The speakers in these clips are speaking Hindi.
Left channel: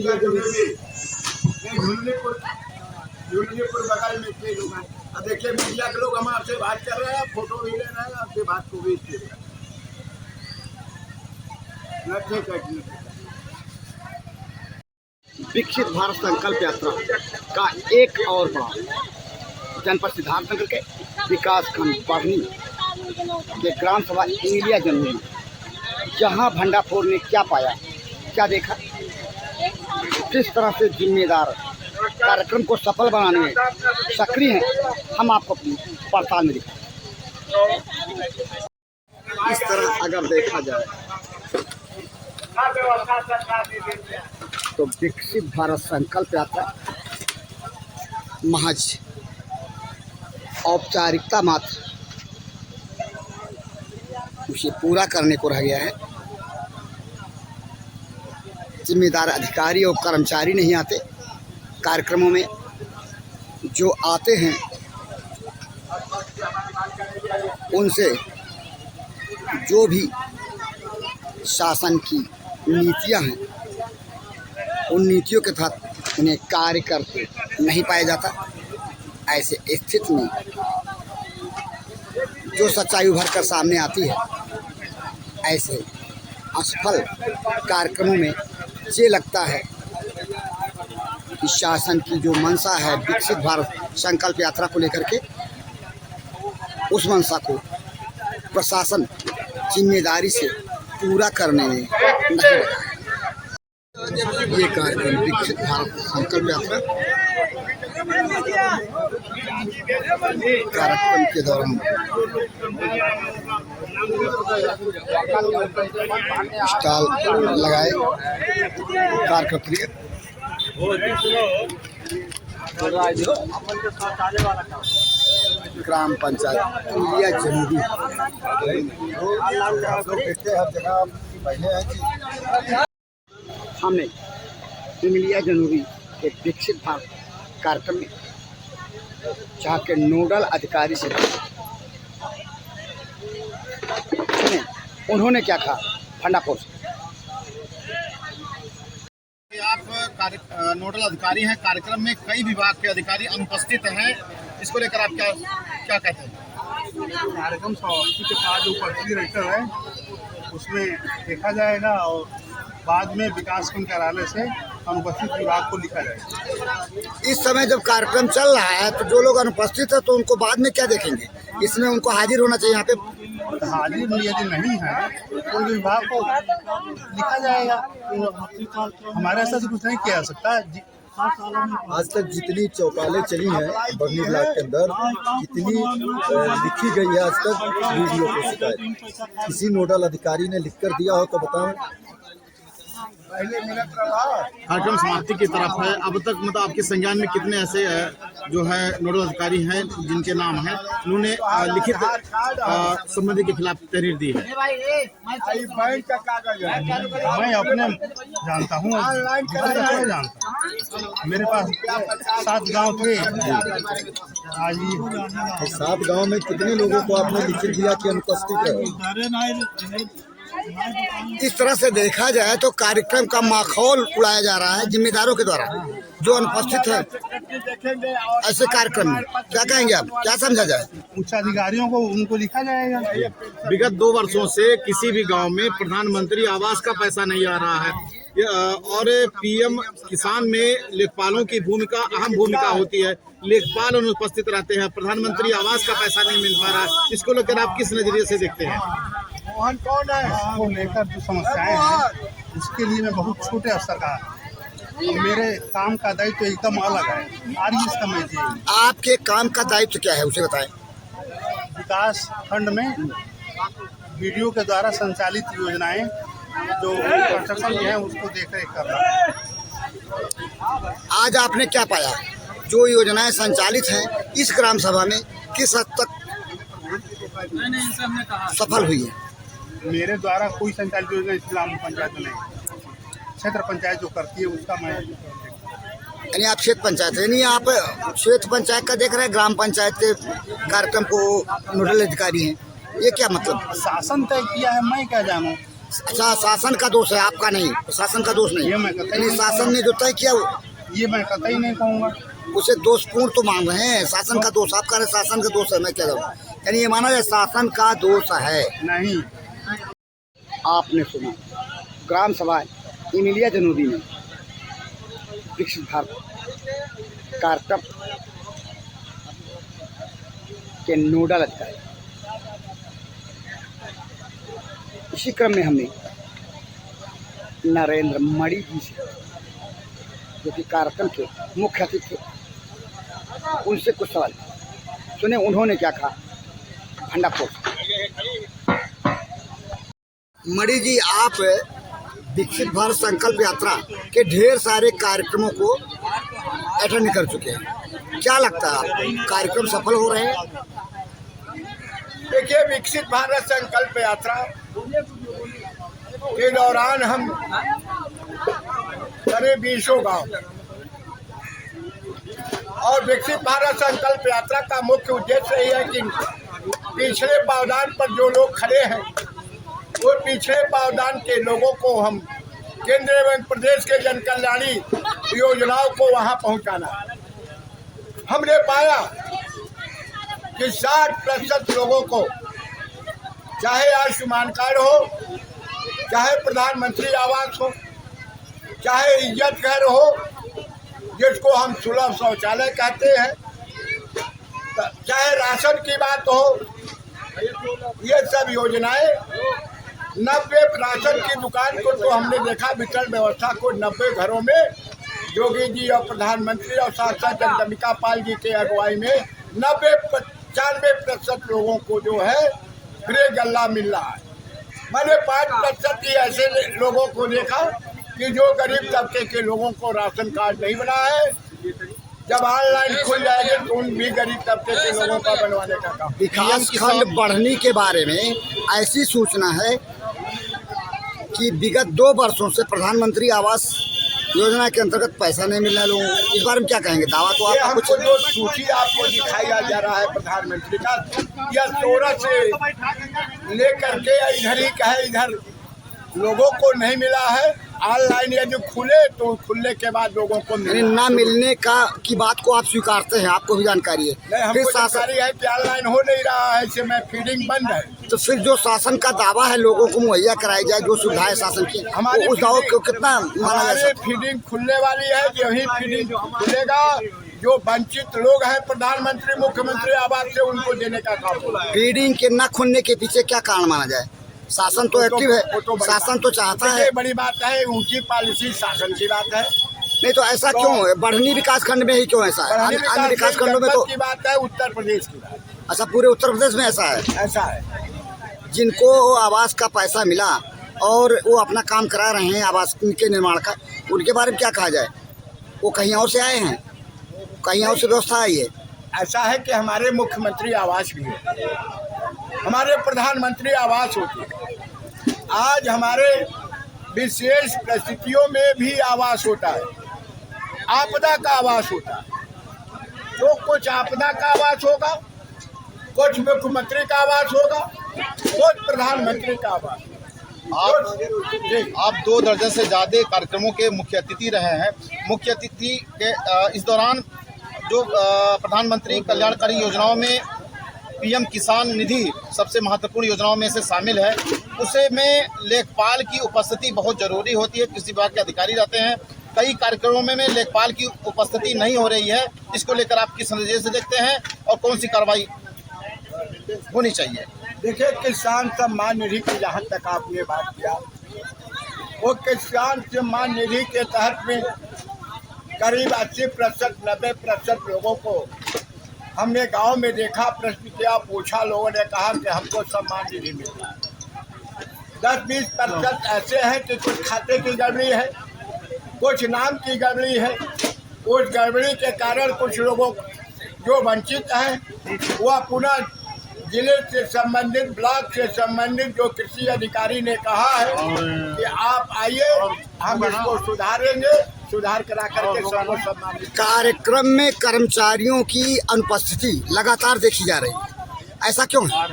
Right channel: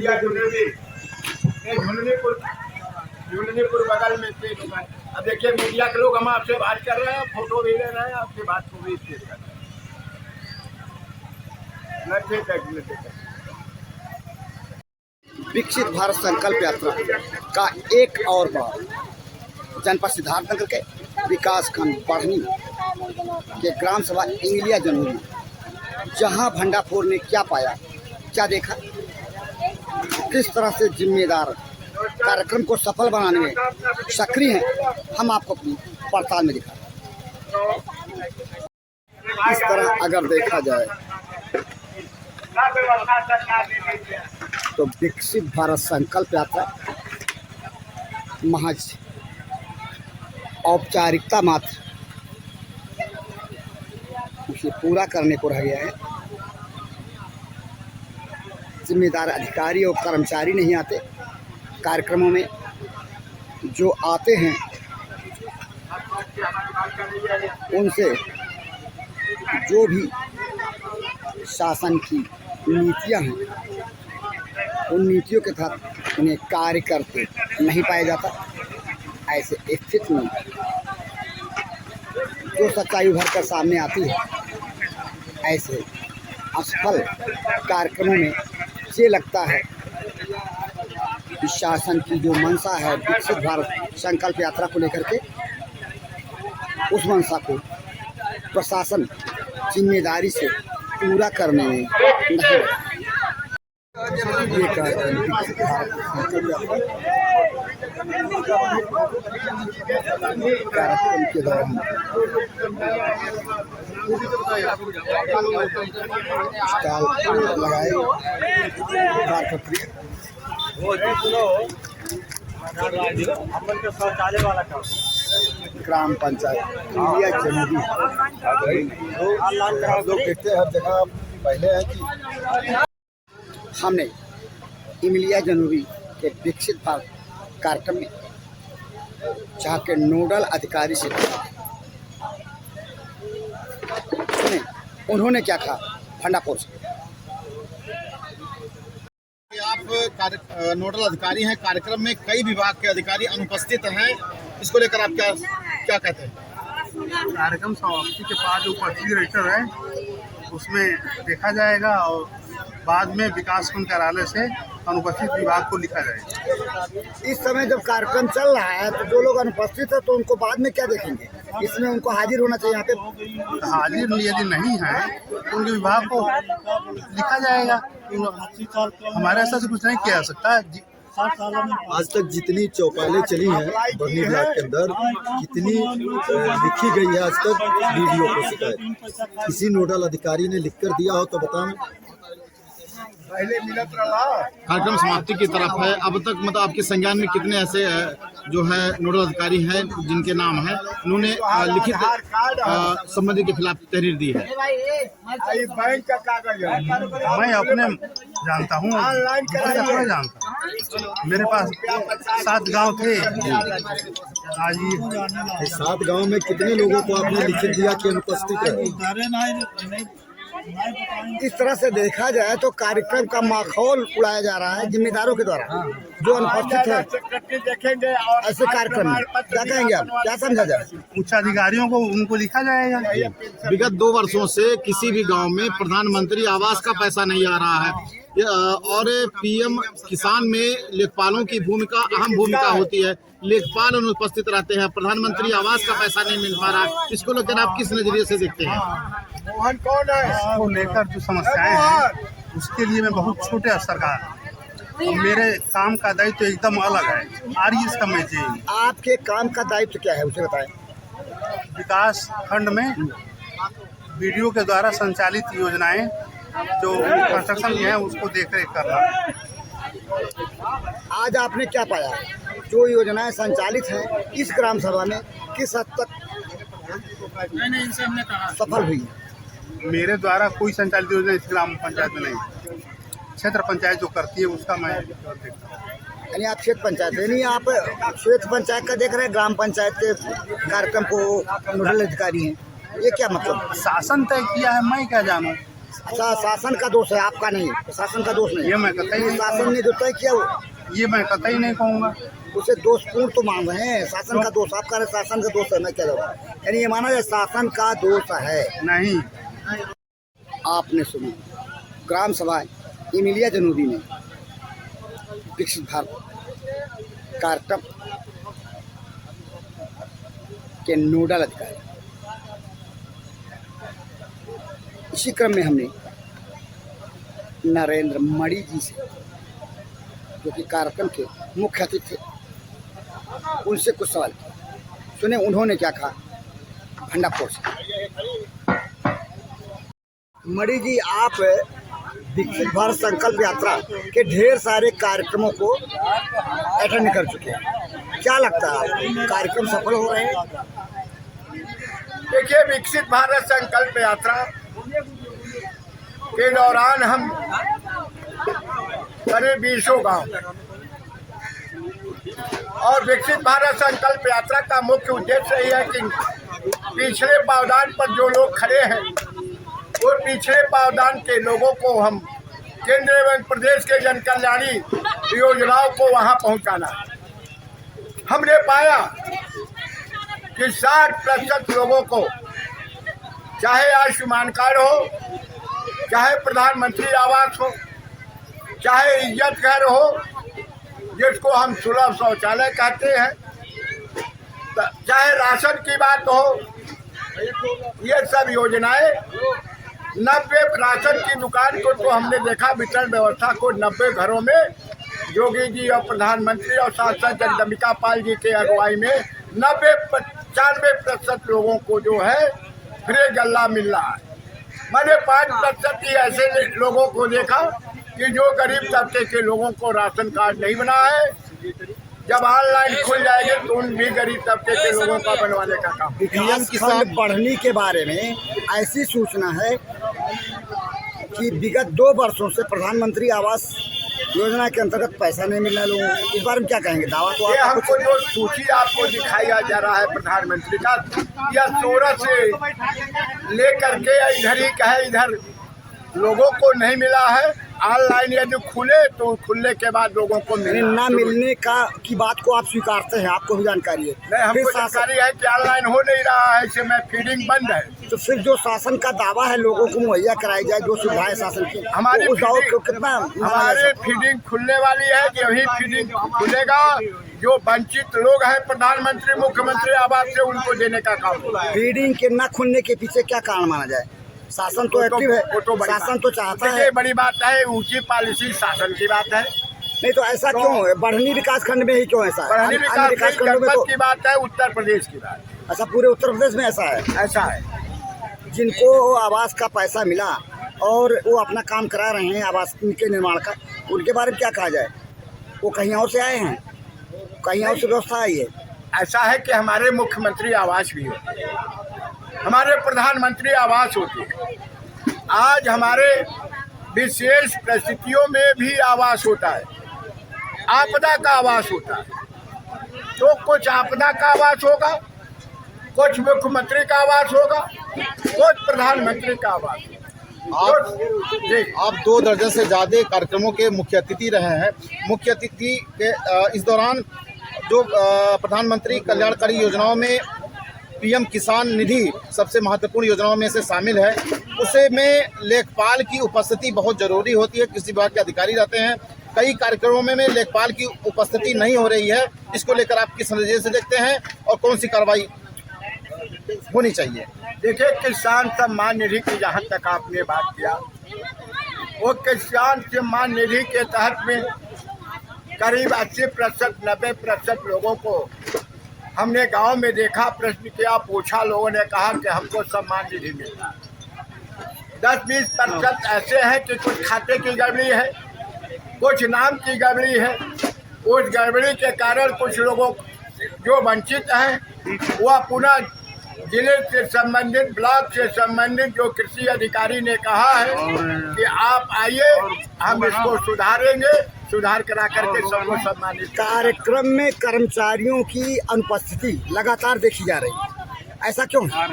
मीडिया जुड़ेगी। ये झुंझुनपुर बगल में से लोग हैं। अब देखिए मीडिया के लोग हम आपसे बात कर रहे हैं, फोटो भी ले रहे हैं, आपकी बात को भी ठीक है। विकसित भारत संकल्प यात्रा का एक और बार जनपद सिद्धार्थनगर के विकास खंड बढ़नी के ग्राम सभा इंगलिया जनूरी, जहां भंडाफोर ने क्या पाया, क्या देखा, किस तरह से जिम्मेदार कार्यक्रम को सफल बनाने में सक्रिय हैं, हम आपको अपनी पड़ताल में दिखा। इस तरह अगर देखा जाए तो विकसित भारत संकल्प यात्रा महज औपचारिकता मात्र, उसे पूरा करने को रह गया है। जिम्मेदार अधिकारी और कर्मचारी नहीं आते कार्यक्रमों में, जो आते हैं उनसे जो भी शासन की नीतियां हैं उन नीतियों के तहत उन्हें कार्य करते नहीं पाया जाता। ऐसे स्थिति में जो सच्चाई उभर कर सामने आती है, ऐसे असफल कार्यक्रमों में ये लगता है कि शासन की जो मंशा है विकसित भारत संकल्प यात्रा को लेकर के, उस मंशा को प्रशासन जिम्मेदारी से पूरा करने में नहीं लगा है। ये कार्यक्रम विकसित भारत संकल्प यात्रा कार्यक्रम के दौरान स्टॉल लगाए कार्यकर्ता ग्राम पंचायत इंगलिया जनूरी हमने इंगलिया जनूरी के विकसित भारत कार्यक्रम में जहाँ के नोडल अधिकारी से उन्होंने क्या कहा भंडाफोर से। आप नोडल अधिकारी हैं, कार्यक्रम में कई विभाग के अधिकारी अनुपस्थित हैं, इसको लेकर आप क्या कहते हैं? कार्यक्रम समाप्ति के बाद जो पर्ची रेटर है उसमें देखा जाएगा और बाद में विकास खंड कार्यालय से अनुपस्थित विभाग को लिखा जाएगा। इस समय जब कार्यक्रम चल रहा है तो जो लोग अनुपस्थित है तो उनको बाद में क्या देखेंगे? इसमें उनको हाजिर होना चाहिए। यहाँ पे हाजिर यदि नहीं है तो उनके विभाग को लिखा जाएगा। हमारे ऐसा से कुछ नहीं किया जा सकता है। आज तक जितनी चौपालें चली हैं बरनी ब्लॉक के अंदर, कितनी लिखी गई है आज तक वीडियो को शिकायत, किसी नोडल अधिकारी ने लिखकर दिया हो तो बताओ। कार्यक्रम समाप्ति की तरफ है, अब तक मतलब आपके संज्ञान में कितने ऐसे जो है नोडल अधिकारी हैं जिनके नाम हैं, उन्होंने लिखित संबंधी के खिलाफ तहरीर दी है? मैं अपने जानता हूँ, मेरे पास 7 गांव थे। आज 7 गांव में कितने लोगों को आपने लिखित दिया कि अनुपस्थित है? इस तरह से देखा जाए तो कार्यक्रम का माहौल उड़ाया जा रहा है जिम्मेदारों के द्वारा जो अनुपस्थित है। ऐसे कार्यक्रम में क्या कहेंगे आप, क्या समझा जाए? उच्च अधिकारियों को उनको लिखा जाएगा। विगत 2 वर्षों से किसी भी गांव में प्रधानमंत्री आवास का पैसा नहीं आ रहा है और पीएम किसान में लेखपालों की भूमिका अहम भूमिका होती है। लेखपाल अनुपस्थित रहते हैं, प्रधानमंत्री आवास का पैसा नहीं मिल पा रहा है। इसको लेकर आप किस नजरिए से देखते हैं? इसको लेकर जो समस्याएं हैं उसके लिए मैं बहुत छोटे स्तर का, मेरे काम का दायित्व एकदम अलग है। आरईएस का मैं आपके काम का दायित्व क्या है उसे बताएं। विकास खंड में वीडियो के द्वारा संचालित योजनाएं जो कंस्ट्रक्शन की है उसको देखरेख करना। आज आपने क्या पाया? जो योजनाएं संचालित हैं इस ग्राम सभा में किस हद तक सफल हुई है? मेरे द्वारा कोई संचालित योजना इस ग्राम पंचायत में नहीं, क्षेत्र पंचायत जो करती है उसका मैं। यानी आप क्षेत्र पंचायत, यानी आप क्षेत्र पंचायत का देख रहे हैं, ग्राम पंचायत के कार्यक्रम को नोडल अधिकारी हैं, ये क्या मतलब? शासन तय किया है, मैं क्या जानूँ। अच्छा, शासन का दोष है, आपका नहीं, शासन का दोष नहीं। ये मैं कतई नहीं शासन ने जो तय किया ये मैं कतई नहीं कहूँगा। उसे दोषपूर्ण तो मान रहे हैं। शासन का दोष, आप कह रहे शासन का दोष है, मैं कह रहा हूँ यानी ये माना जाए शासन का दोष है। नहीं, आपने सुना ग्राम सभा इमिलिया जनूबी में विकसित भारत कार्यक्रम के नोडल अधिकारी, इसी क्रम में हमने नरेंद्र मणि जी से, जो कि कार्यक्रम के मुख्य अतिथि थे, उनसे कुछ सवाल सुने उन्होंने क्या कहा भंडापुर से। मणि जी, आप विकसित भारत संकल्प यात्रा के ढेर सारे कार्यक्रमों को अटेंड कर चुके हैं, क्या लगता है आप कार्यक्रम सफल हो रहे हैं? देखिए, विकसित भारत संकल्प यात्रा के दौरान हम करीब 20 गांव और विकसित भारत संकल्प यात्रा का मुख्य उद्देश्य यही है कि पिछड़े पावदान पर जो लोग खड़े हैं वो पिछड़े पावदान के लोगों को हम केंद्र एवं प्रदेश के जन कल्याणी योजनाओं को वहां पहुंचाना। हमने पाया कि 60% लोगों को, चाहे आयुष्मान कार्ड हो, चाहे प्रधानमंत्री आवास हो, चाहे इज्जत घर हो, जिसको हम सुलभ शौचालय कहते हैं, चाहे राशन की बात हो, ये सब योजनाएं 90 राशन की दुकान को तो हमने देखा वितरण व्यवस्था को 90 घरों में योगी जी और प्रधानमंत्री और सांसद जगदम्बिका पाल जी के अगुवाई में 95% लोगों को जो है फ्री गल्ला मिल रहा है। मैंने 5% ही ऐसे लोगों को देखा कि जो गरीब तबके के लोगों को राशन कार्ड नहीं बना है। जब ऑनलाइन खुल जाएगा तो उन भी गरीब तबके के लोगों का बनवाने का काम। विकास खंड बढ़ने के बारे में ऐसी सूचना है कि विगत 2 वर्षों से प्रधानमंत्री आवास योजना के अंतर्गत पैसा नहीं मिल रहा लोगों को। इस बारे में क्या कहेंगे? दावा तो ये आपका हमको कुछ जो सूची आपको दिखाया जा रहा है प्रधानमंत्री का, या 16 से लेकर के इधर ही का है, इधर लोगों को नहीं मिला है। ऑनलाइन या जो खुले तो खुलने के बाद लोगों को यानी ना मिलने की बात को आप स्वीकारते हैं, आपको भी जानकारी है? नहीं, हमको जानकारी है कि ऑनलाइन हो नहीं रहा है, इससे में फीडिंग बंद है। तो फिर जो शासन का दावा है लोगों को मुहैया कराई जाए, जो सुविधाएं शासन की, हमारी उस दावा को कितना हमारी फीडिंग खुलने वाली है, यही फीडिंग खुलेगा। जो वंचित लोग हैं प्रधानमंत्री मुख्यमंत्री आवास से उनको देने का काम होगा। फीडिंग के न खुलने के पीछे क्या कारण माना जाए? शासन तो एक्टिव है, शासन तो चाहता है। ये बड़ी बात है, ऊंची पॉलिसी शासन की बात है। नहीं तो ऐसा क्यों है? बढ़नी विकास खंड में ही क्यों ऐसा है? बढ़नी अन्य विकास खंडों में तो की बात है, उत्तर प्रदेश की बात है। अच्छा, पूरे उत्तर प्रदेश में ऐसा है? ऐसा है। जिनको आवास का पैसा मिला और वो अपना काम करा रहे हैं आवास के निर्माण का, उनके बारे में क्या कहा जाए? वो कहीं और से आए हैं, कहीं और से व्यवस्था आई है? ऐसा है कि हमारे मुख्यमंत्री आवास भी होते हैं, हमारे प्रधानमंत्री आवास होते हैं। आज हमारे विशेष परिस्थितियों में भी आवास होता है, आपदा का आवास होता है। तो कुछ आपदा का आवास होगा, कुछ मुख्यमंत्री का आवास होगा, कुछ प्रधानमंत्री का आवास। आप 2 दर्जन से ज़्यादा कार्यक्रमों के मुख्य अतिथि रहे हैं। मुख्य अतिथि के इस दौरान जो प्रधानमंत्री कल्याणकारी योजनाओं में पीएम किसान निधि सबसे महत्वपूर्ण योजनाओं में से शामिल है, उसे में लेखपाल की उपस्थिति बहुत ज़रूरी होती है। किसी विभाग के अधिकारी रहते हैं, कई कार्यक्रमों में लेखपाल की उपस्थिति नहीं हो रही है। इसको लेकर आप किस नजरिए से देखते हैं और कौन सी कार्रवाई होनी चाहिए? देखिए, किसान सम्मान निधि की जहाँ तक आपने बात किया, वो किसान सम्मान निधि के तहत में करीब 80% 90% लोगों को हमने गांव में देखा, प्रश्न किया, पूछा, लोगों ने कहा कि हमको सम्मान निधि मिलता है। 10-20% ऐसे हैं कि कुछ खाते की गड़बड़ी है, कुछ नाम की गड़बड़ी है। उस गड़बड़ी के कारण कुछ लोगों जो वंचित हैं वह पुनः जिले से संबंधित, ब्लॉक से संबंधित जो कृषि अधिकारी ने कहा है कि आप आइए, हम इसको सुधारेंगे, सुधार करा करके सबको सम्मानित। कार्यक्रम में कर्मचारियों की अनुपस्थिति लगातार देखी जा रही है, ऐसा क्यों है?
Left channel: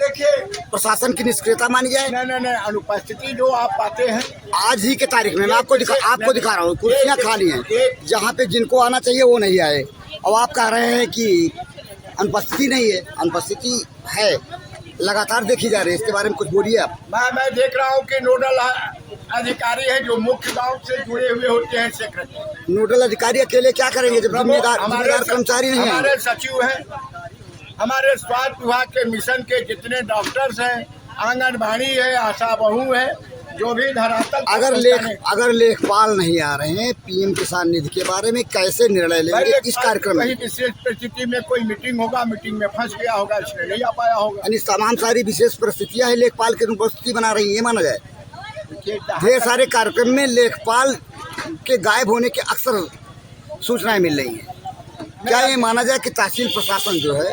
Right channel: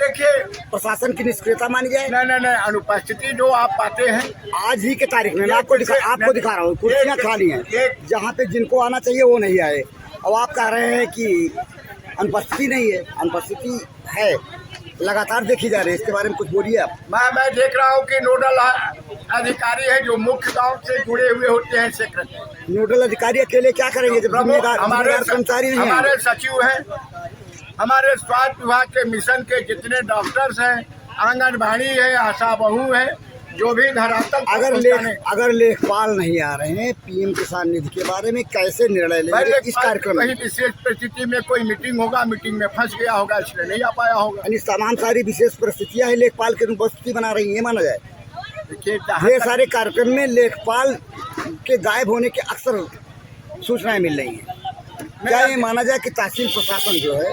देखिए, प्रशासन की निष्क्रियता मानी जाए। नहीं, अनुपस्थिति जो आप पाते हैं आज ही के तारीख में मैं आपको दिखा रहा हूँ, कुर्सियाँ खाली हैं, जहाँ पे जिनको आना चाहिए वो नहीं आए। और आप कह रहे हैं कि अनुपस्थिति नहीं है, अनुपस्थिति है, लगातार देखी जा रही है। इसके बारे में कुछ बोलिए आप। मैं देख रहा हूँ कि नोडल अधिकारी है जो मुख्य गांव से जुड़े हुए होते हैं सेक्रेटरी। नोडल अधिकारी अकेले क्या करेंगे जब जिम्मेदार कर्मचारी नहीं है? हमारे सचिव हैं, हमारे स्वास्थ्य विभाग के मिशन के जितने डॉक्टर्स हैं, आंगनबाड़ी है, आशा बहू है, जो भी धरातल अगर लेखपाल नहीं आ रहे हैं, पीएम किसान निधि के बारे में कैसे निर्णय लेंगे इस कार्यक्रम में? विशेष परिस्थिति में कोई मीटिंग होगा, मीटिंग में फंस गया होगा, इसलिए नहीं आ पाया होगा। यानी तमाम सारी विशेष परिस्थितियां है लेखपाल की अनुपस्थिति बना रही है, माना जाए। ढेर सारे कार्यक्रम में लेखपाल के गायब होने के अक्सर सूचनाएं मिल रही है। क्या ये माना जाए कि तहसील प्रशासन जो है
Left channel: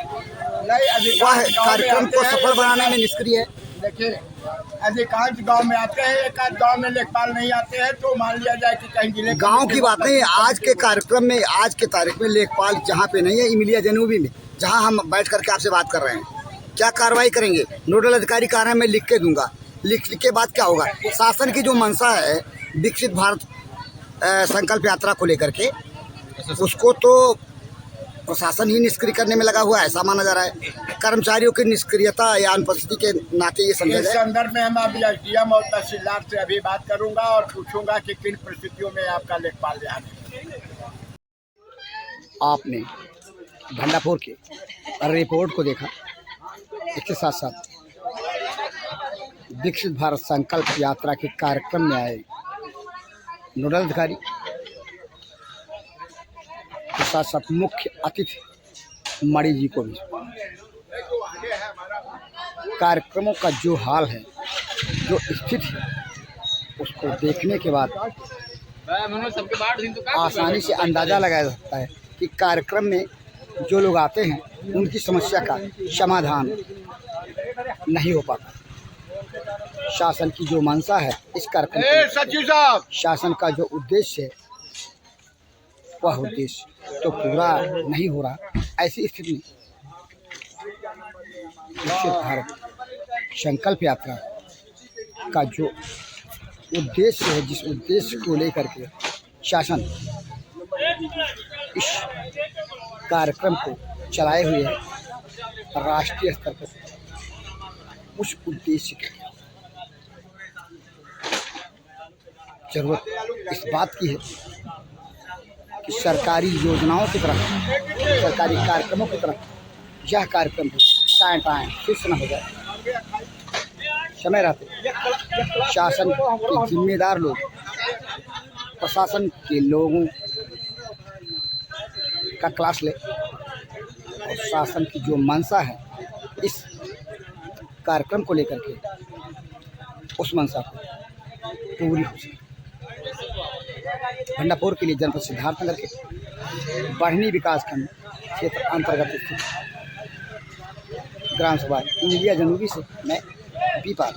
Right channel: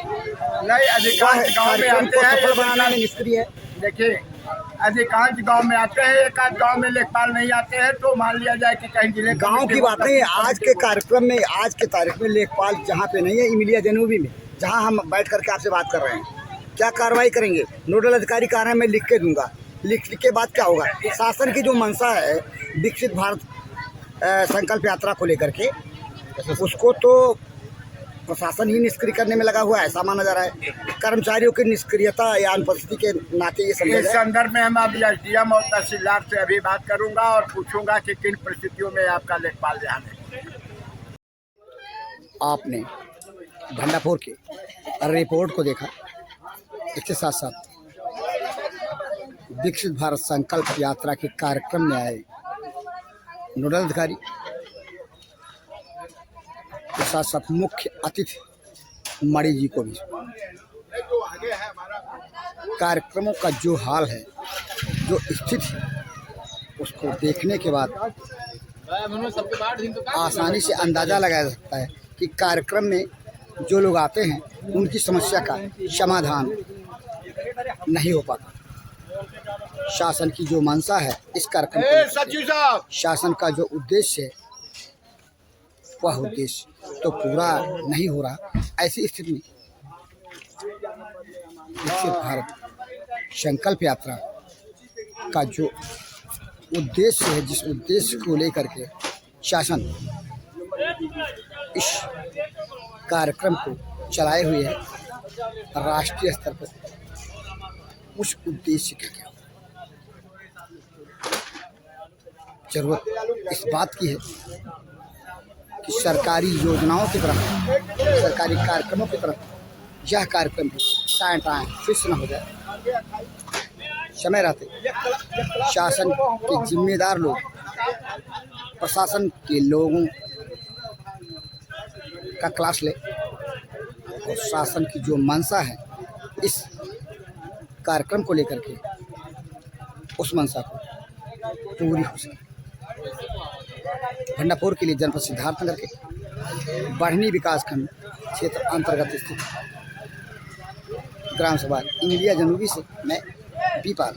कार्यक्रम को सफल बनाने में निष्क्रिय है? देखिए, अधिकांश गांव में आते हैं, एक आध गांव में लेखपाल नहीं आते हैं, तो मान लिया जाए कि कहीं जिले गांव की बात नहीं है। आज के कार्यक्रम में, आज के तारीख में लेखपाल जहां पे नहीं है, इमिलिया जनूबी में, जहां हम बैठ करके आपसे बात कर रहे हैं, क्या कार्रवाई करेंगे? नोडल अधिकारी का मैं लिख के दूंगा, लिखने के बाद क्या होगा? शासन की जो मंशा है विकसित भारत संकल्प यात्रा को लेकर के, उसको तो प्रशासन ही निष्क्रिय करने में लगा हुआ है, ऐसा माना जा रहा है। कर्मचारियों की निष्क्रियता या अनुपस्थिति के नाते ये समझ। इस संदर्भ में हम अब एसडीएम और तहसीलदार से अभी बात करूंगा और पूछूंगा कि किन परिस्थितियों में आपका लेखपाल ध्यान है। आपने भंडापुर के रिपोर्ट को देखा, इसके साथ साथ विकसित भारत संकल्प यात्रा के कार्यक्रम में आए नोडल अधिकारी के साथ साथ मुख्य अतिथि मणि जी को भी कार्यक्रमों का जो हाल है, जो स्थिति है, उसको देखने के बाद आसानी से अंदाज़ा लगाया जा सकता है कि कार्यक्रम में जो लोग आते हैं उनकी समस्या का समाधान नहीं हो पाता। शासन की जो मंशा है इस कार्यक्रम को, शासन का जो उद्देश्य है वह उद्देश्य तो पूरा नहीं हो रहा। ऐसी स्थिति में विकसित भारत संकल्प यात्रा का जो उद्देश्य है, जिस उद्देश्य को लेकर के शासन इस कार्यक्रम को चलाए हुए है राष्ट्रीय स्तर पर, उस उद्देश्य के क्या जरूरत इस बात की है कि सरकारी योजनाओं की तरफ, सरकारी कार्यक्रमों की तरफ यह कार्यक्रम टाइम फिक्स न हो जाए। समय रहते शासन के जिम्मेदार लोग, प्रशासन के लोगों का क्लास ले और शासन की जो मंशा है इस कार्यक्रम को लेकर के, उस मंशा को पूरी हो सके। भंडापुर के लिए जनपद सिद्धार्थनगर के बढ़नी विकासखंड क्षेत्र अंतर्गत स्थित ग्राम सभा इमिलिया जनूबी से मैं बीपाल।